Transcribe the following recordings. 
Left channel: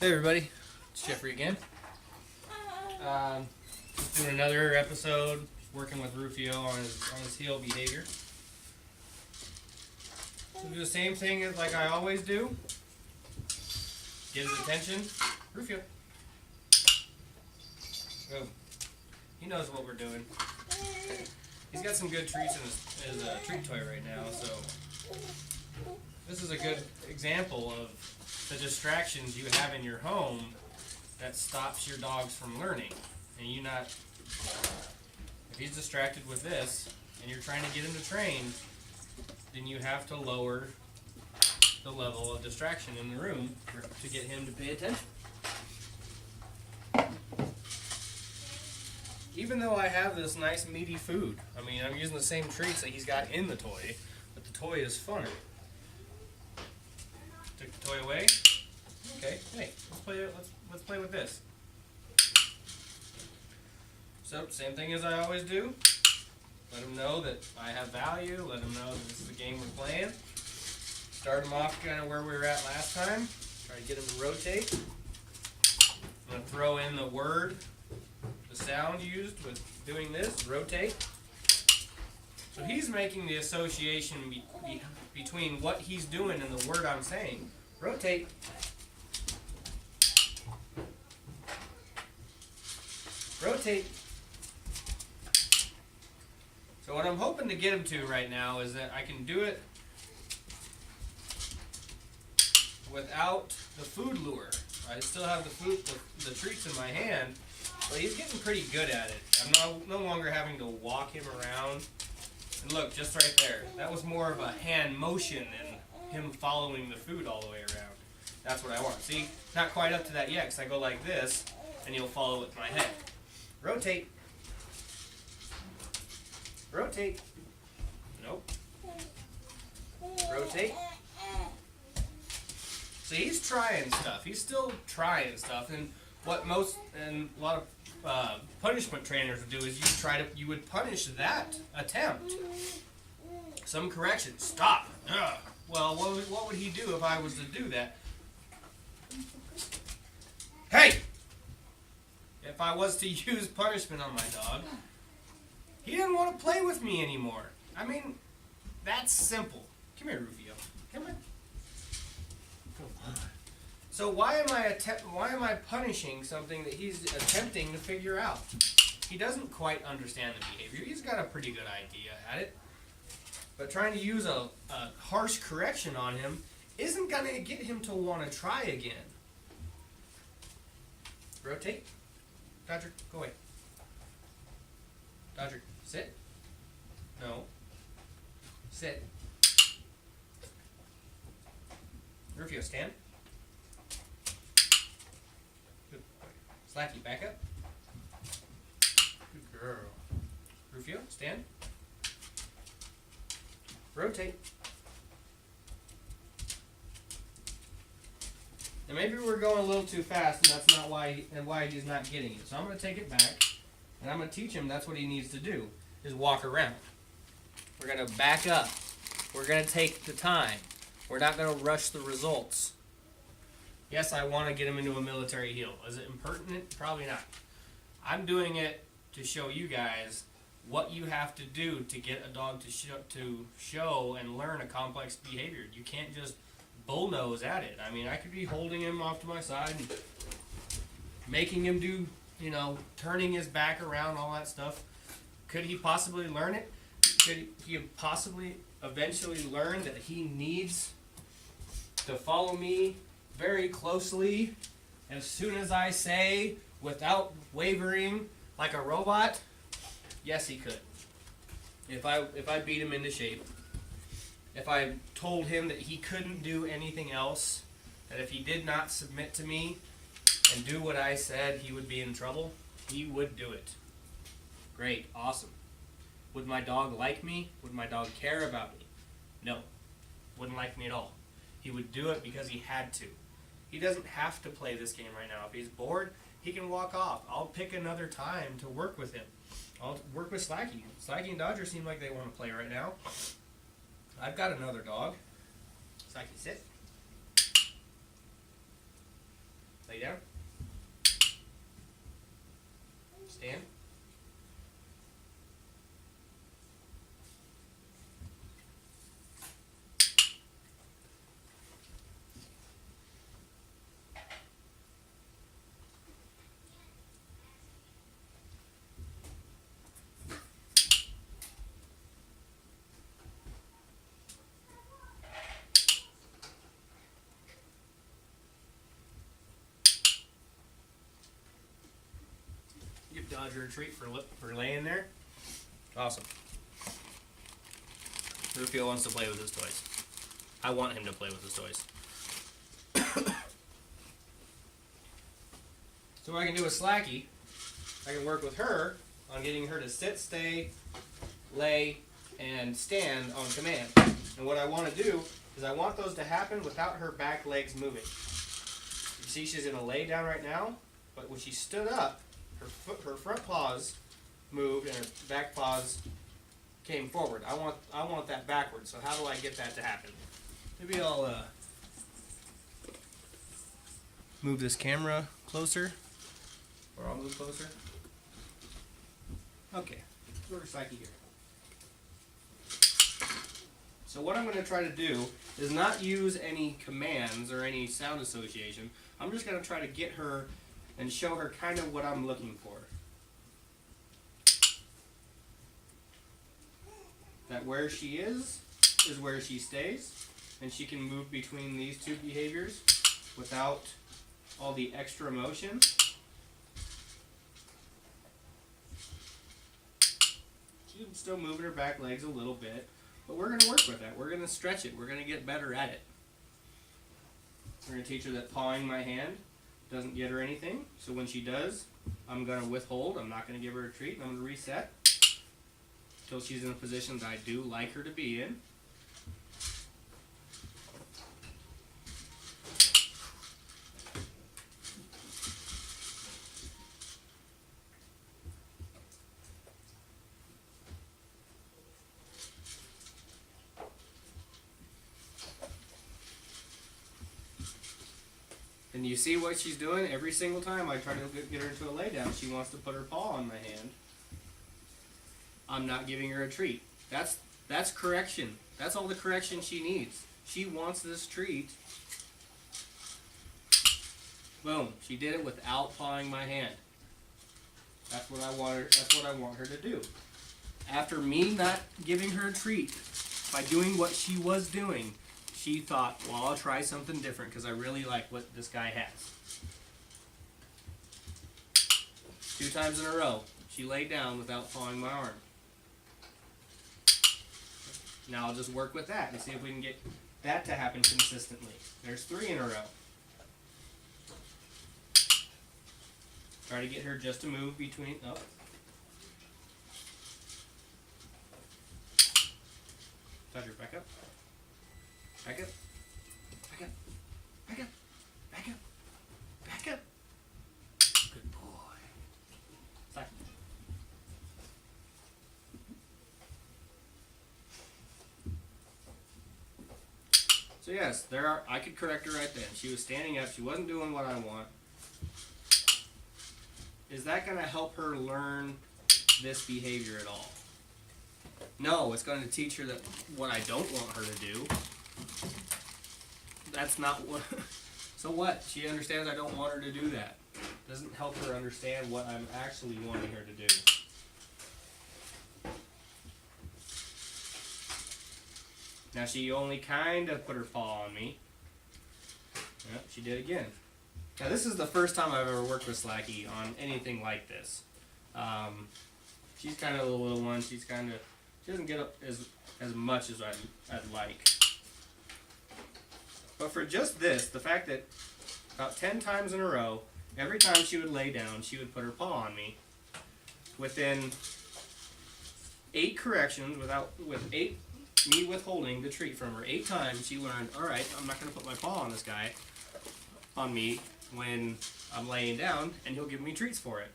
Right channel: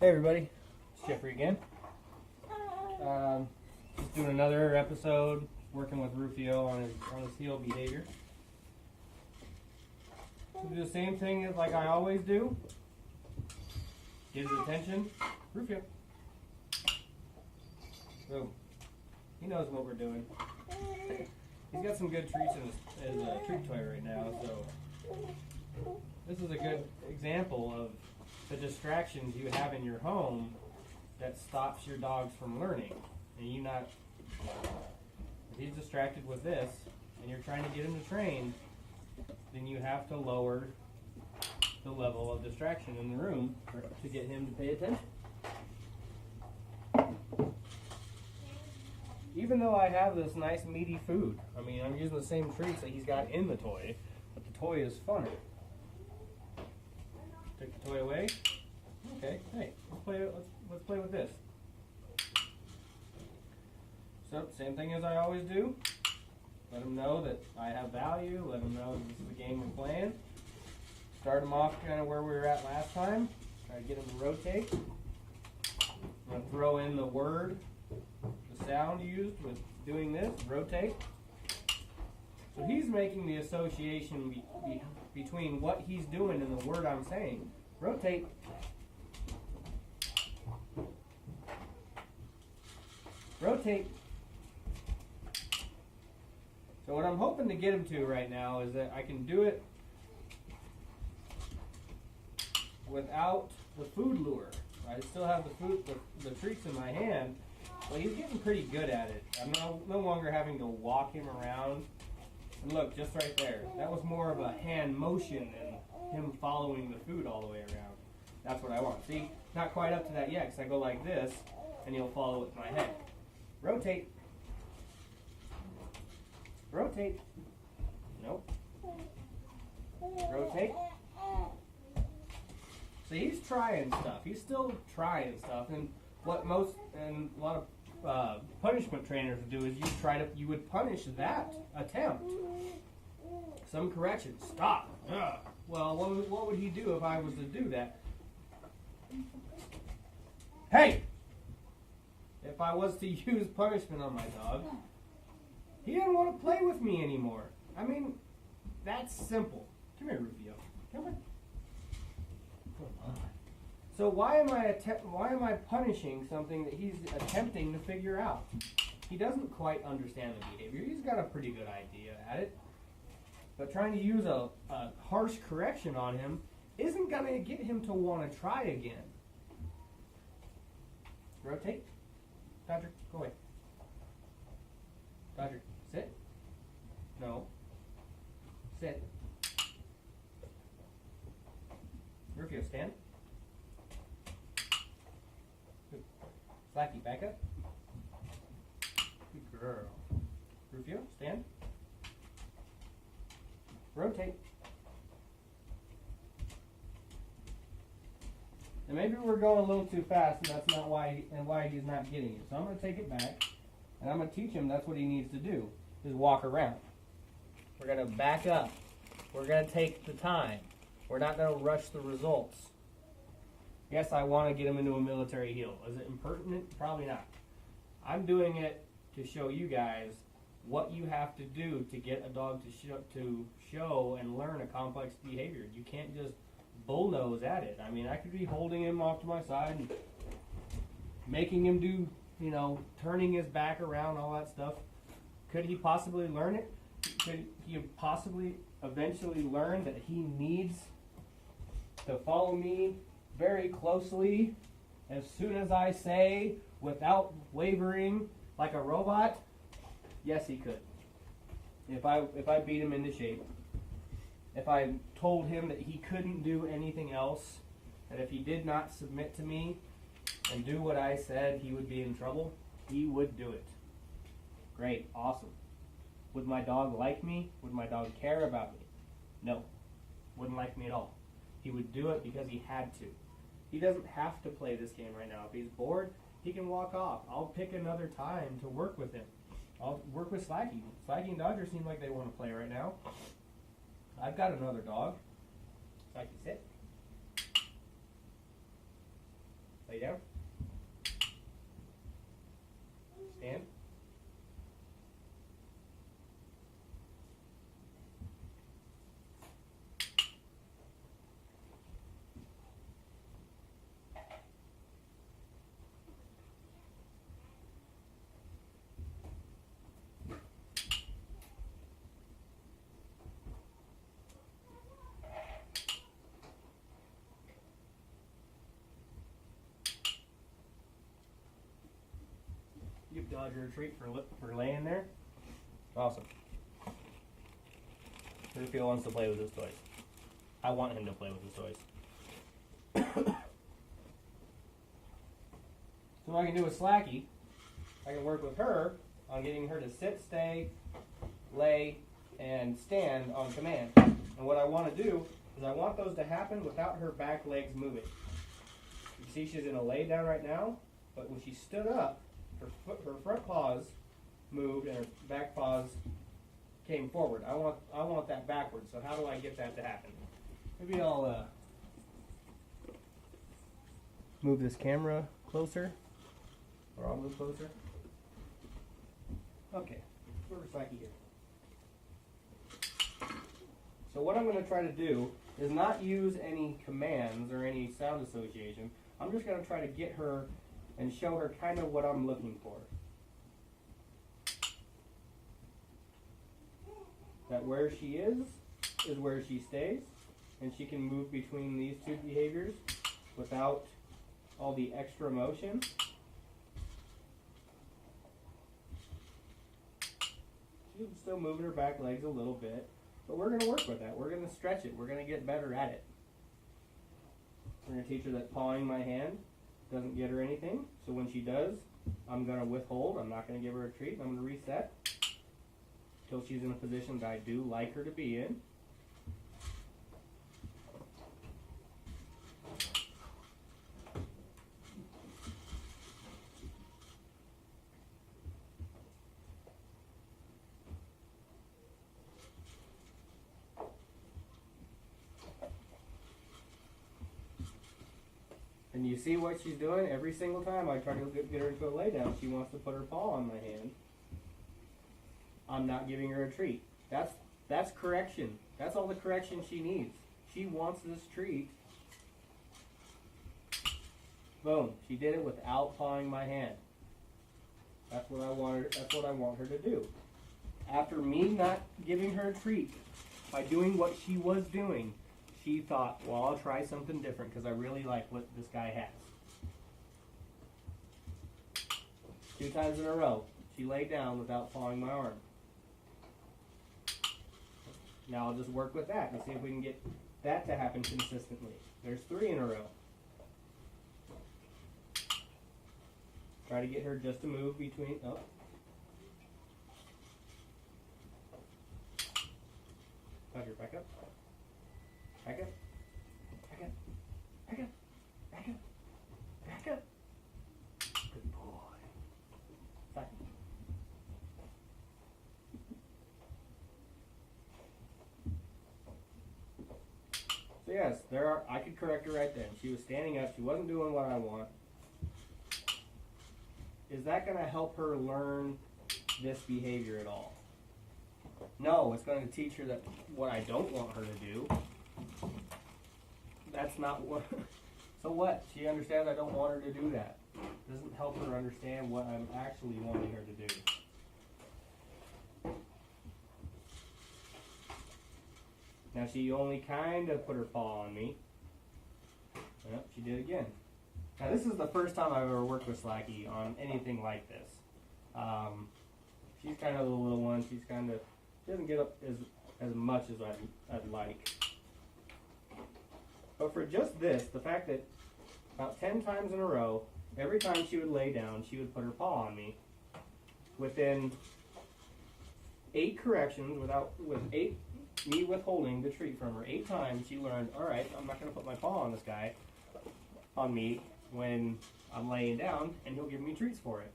Hey everybody, it's Jeffrey again. Just doing another episode, working with Rufio on his heel behavior. So do the same thing as like I always do. Get his attention. Rufio. Oh, he knows what we're doing. He's got some good treats in his treat toy right now, so this is a good example of the distractions you have in your home that stops your dogs from learning. And if he's distracted with this and you're trying to get him to train, then you have to lower the level of distraction in the room to get him to pay attention. Even though I have this nice meaty food, I mean, I'm using the same treats that he's got in the toy, but the toy is funner. Took the toy away. Okay, hey, let's play with this. So, same thing as I always do. Let him know that I have value. Let him know that this is the game we're playing. Start him off kind of where we were at last time. Try to get him to rotate. I'm going to throw in the word, the sound used with doing this, rotate. So he's making the association between what he's doing and the word I'm saying. Rotate. Rotate. So what I'm hoping to get him to right now is that I can do it without the food lure. I still have the treats in my hand, but he's getting pretty good at it. I'm no longer having to walk him around. And look, just right there. That was more of a hand motion than him following the food all the way around. That's what I want. See, not quite up to that yet, because I go like this, and he'll follow with my head. Rotate. Rotate. Nope. Rotate. So he's trying stuff. He's still trying stuff, and a lot of punishment trainers would do is you would punish that attempt. Some correction. Stop. Ugh. Well, what would he do if I was to do that? Hey! If I was to use punishment on my dog, he didn't want to play with me anymore. I mean, that's simple. Come here, Rufio. Come on. So why am I punishing something that he's attempting to figure out? He doesn't quite understand the behavior. He's got a pretty good idea at it. But trying to use a harsh correction on him isn't going to get him to want to try again. Rotate. Dodger, go away. Dodger, sit. No. Sit. Rufio, stand. Good boy. Slackie, back up. Good girl. Rufio, stand. Rotate. Now maybe we're going a little too fast, and that's not why he's not getting it. So I'm going to take it back, and I'm going to teach him that's what he needs to do, is walk around. We're going to back up. We're going to take the time. We're not going to rush the results. Yes, I want to get him into a military heel. Is it impertinent? Probably not. I'm doing it to show you guys what you have to do to get a dog to show and learn a complex behavior. You can't just bullnose at it. I mean, I could be holding him off to my side and making him do, turning his back around, all that stuff. Could he possibly learn it? Could he possibly eventually learn that he needs to follow me very closely as soon as I say, without wavering, like a robot? Yes, he could. If I beat him into shape. If I told him that he couldn't do anything else, that if he did not submit to me and do what I said, he would be in trouble, he would do it. Great, awesome. Would my dog like me? Would my dog care about me? No, wouldn't like me at all. He would do it because he had to. He doesn't have to play this game right now. If he's bored, he can walk off. I'll pick another time to work with him. I'll work with Slackie. Slackie and Dodger seem like they want to play right now. I've got another dog. Slackie, sit. Lay dodge her a treat for laying there. Awesome. Rufio wants to play with his toys. I want him to play with his toys. So what I can do with Slackie, I can work with her on getting her to sit, stay, lay, and stand on command. And what I want to do is I want those to happen without her back legs moving. You see she's going to lay down right now, but when she stood up, her front paws moved and her back paws came forward. I want that backwards. So how do I get that to happen? Maybe I'll move this camera closer, or I'll move closer. Okay, where's Slackie here? So what I'm going to try to do is not use any commands or any sound association. I'm just going to try to get her and show her kind of what I'm looking for. That where she is where she stays, and she can move between these two behaviors without all the extra motion. She's still moving her back legs a little bit, but we're going to work with that. We're going to stretch it. We're going to get better at it. We're going to teach her that pawing my hand doesn't get her anything. So when she does, I'm going to withhold. I'm not going to give her a treat. I'm going to reset until she's in a position that I do like her to be in. And you see what she's doing every single time I try to get her to a lay down. She wants to put her paw on my hand. I'm not giving her a treat. That's correction. That's all the correction she needs. She wants this treat. Boom. She did it without pawing my hand. That's what I want her. That's what I want her to do. After me not giving her a treat, by doing what she was doing, she thought, well, I'll try something different because I really like what this guy has. 2 times in a row, she laid down without pawing my arm. Now I'll just work with that and see if we can get that to happen consistently. There's 3 in a row. Try to get her just to move between. Oh. Touch her back up. Back up. Back up. Back up. Back up. Back up. Good boy. Slackie. So yes, I could correct her right then. She was standing up. She wasn't doing what I want. Is that going to help her learn this behavior at all? No, it's going to teach her that what I don't want her to do. That's not what. So what? She understands I don't want her to do that. Doesn't help her understand what I'm actually wanting her to do. Now she only kind of put her paw on me. Yep, she did again. Now this is the first time I've ever worked with Slackie on anything like this. She's kind of the little one. She doesn't get up as much as I'd like. But for just this, the fact that about 10 times in a row, every time she would lay down, she would put her paw on me. Within 8 corrections, with me withholding the treat from her 8 times, she learned, all right, I'm not going to put my paw on this guy, on me, when I'm laying down, and he'll give me treats for it.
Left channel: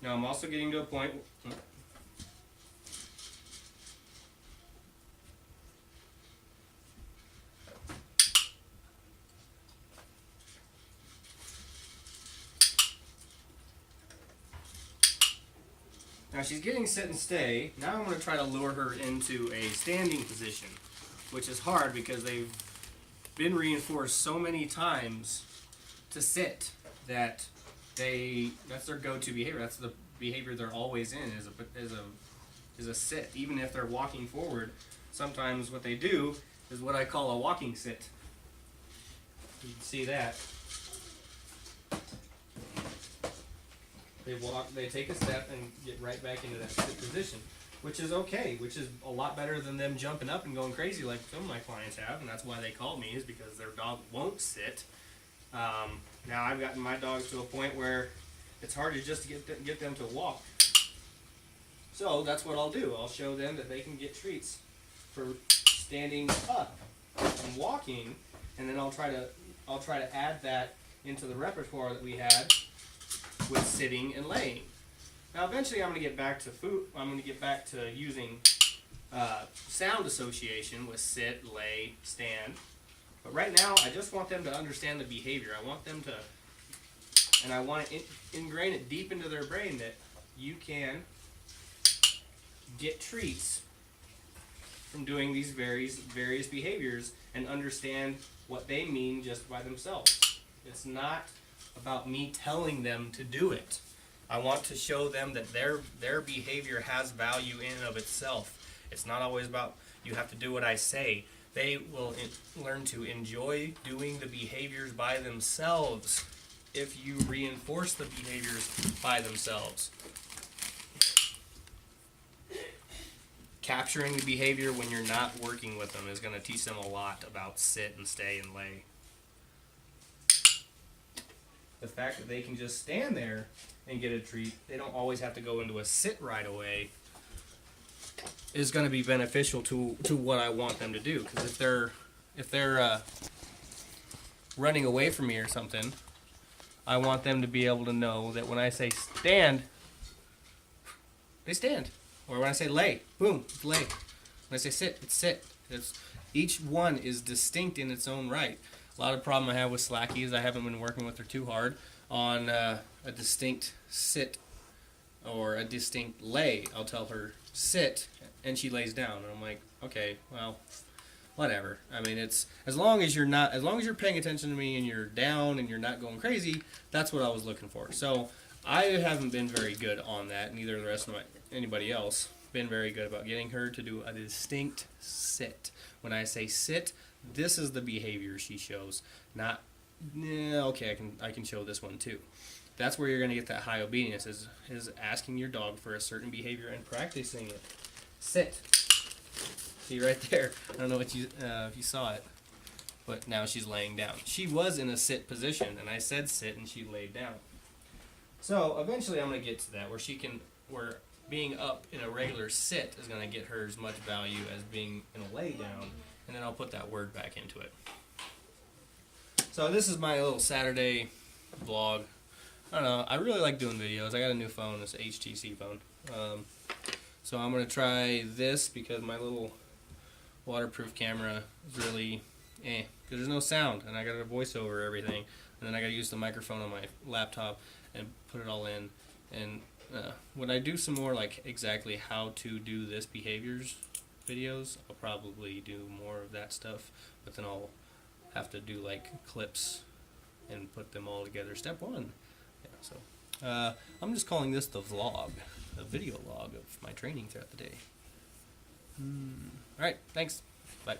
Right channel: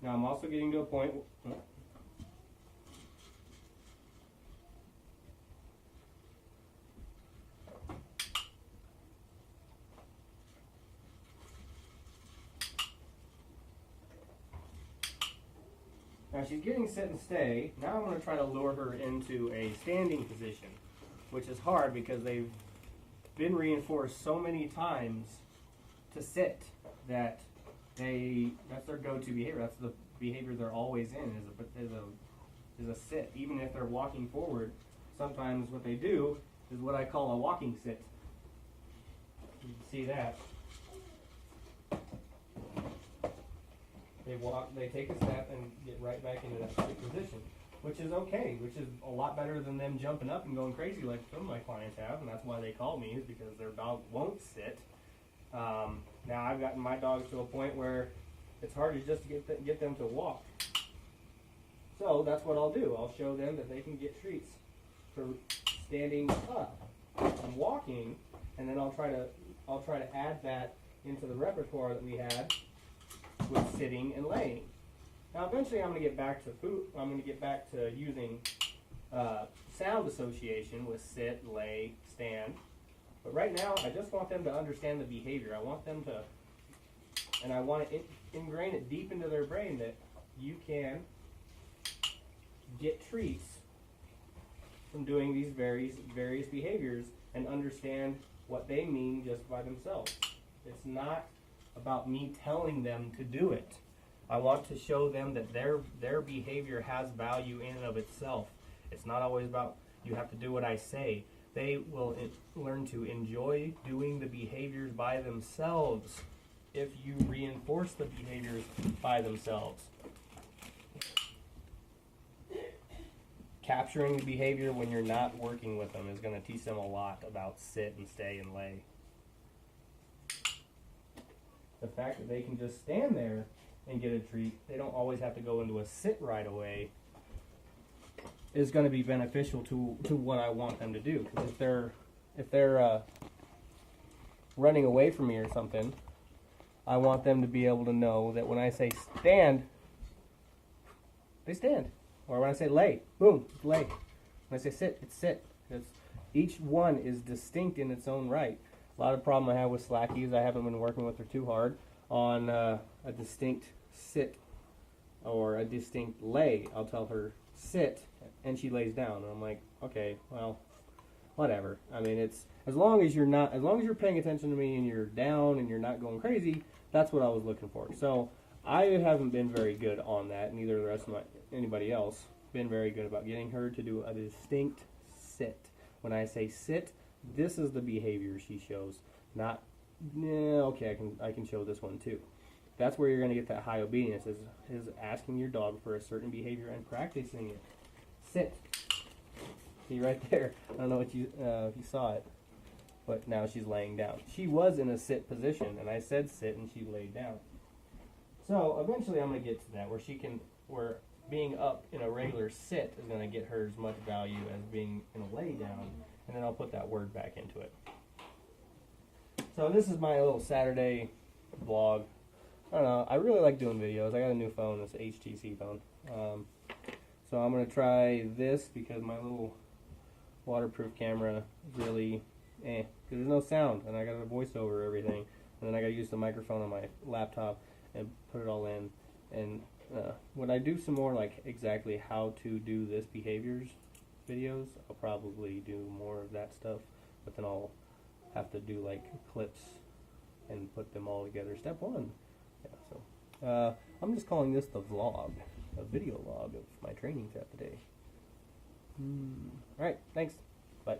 Now I'm also getting to a point. Now she's getting sit and stay. Now I'm going to try to lure her into a standing position, which is hard because they've been reinforced so many times to sit that that's their go-to behavior. That's the behavior they're always in is a sit. Even if they're walking forward, sometimes what they do is what I call a walking sit. You can see that. They walk, they take a step and get right back into that sit position, which is okay, which is a lot better than them jumping up and going crazy like some of my clients have, and that's why they call me, is because their dog won't sit. Now I've gotten my dogs to a point where it's hard to just get them to walk. So that's what I'll do. I'll show them that they can get treats for standing up and walking, and then I'll try to add that into the repertoire that we had with sitting and laying. Now eventually I'm going to get back to food. I'm going to get back to using sound association with sit, lay, stand. But right now I just want them to understand the behavior. I want them to, and I want to ingrain it deep into their brain that you can get treats from doing these various behaviors and understand what they mean just by themselves. It's not about me telling them to do it. I want to show them that their behavior has value in and of itself. It's not always about you have to do what I say. They will learn to enjoy doing the behaviors by themselves if you reinforce the behaviors by themselves. Capturing the behavior when you're not working with them is going to teach them a lot about sit and stay and lay. The fact that they can just stand there and get a treat, they don't always have to go into a sit right away, is going to be beneficial to what I want them to do. Because if they're running away from me or something, I want them to be able to know that when I say stand, they stand. Or when I say lay, boom, it's lay. When I say sit, it's sit. Each one is distinct in its own right. A lot of problem I have with Slackie is I haven't been working with her too hard on a distinct sit or a distinct lay. I'll tell her sit, and she lays down, and I'm like, okay, well, whatever. I mean, it's as long as you're paying attention to me and you're down and you're not going crazy. That's what I was looking for. So I haven't been very good on that, neither the rest of anybody else been very good about getting her to do a distinct sit. When I say sit, this is the behavior she shows. Not, okay, I can show this one too. That's where you're going to get that high obedience, is asking your dog for a certain behavior and practicing it. Sit. See right there. I don't know if you saw it, but now she's laying down. She was in a sit position, and I said sit, and she laid down. So eventually I'm going to get to that, where being up in a regular sit is going to get her as much value as being in a lay down, and then I'll put that word back into it. So this is my little Saturday vlog. I don't know, I really like doing videos. I got a new phone, it's an HTC phone. So I'm going to try this because my little waterproof camera is really because there's no sound, and I got to voice over everything, and then I got to use the microphone on my laptop and put it all in. And when I do some more like exactly how to do this behaviors videos, I'll probably do more of that stuff, but then I'll have to do like clips and put them all together. Step one. Yeah, so I'm just calling this the vlog, a video log of my training throughout the day. All right, thanks. Bye.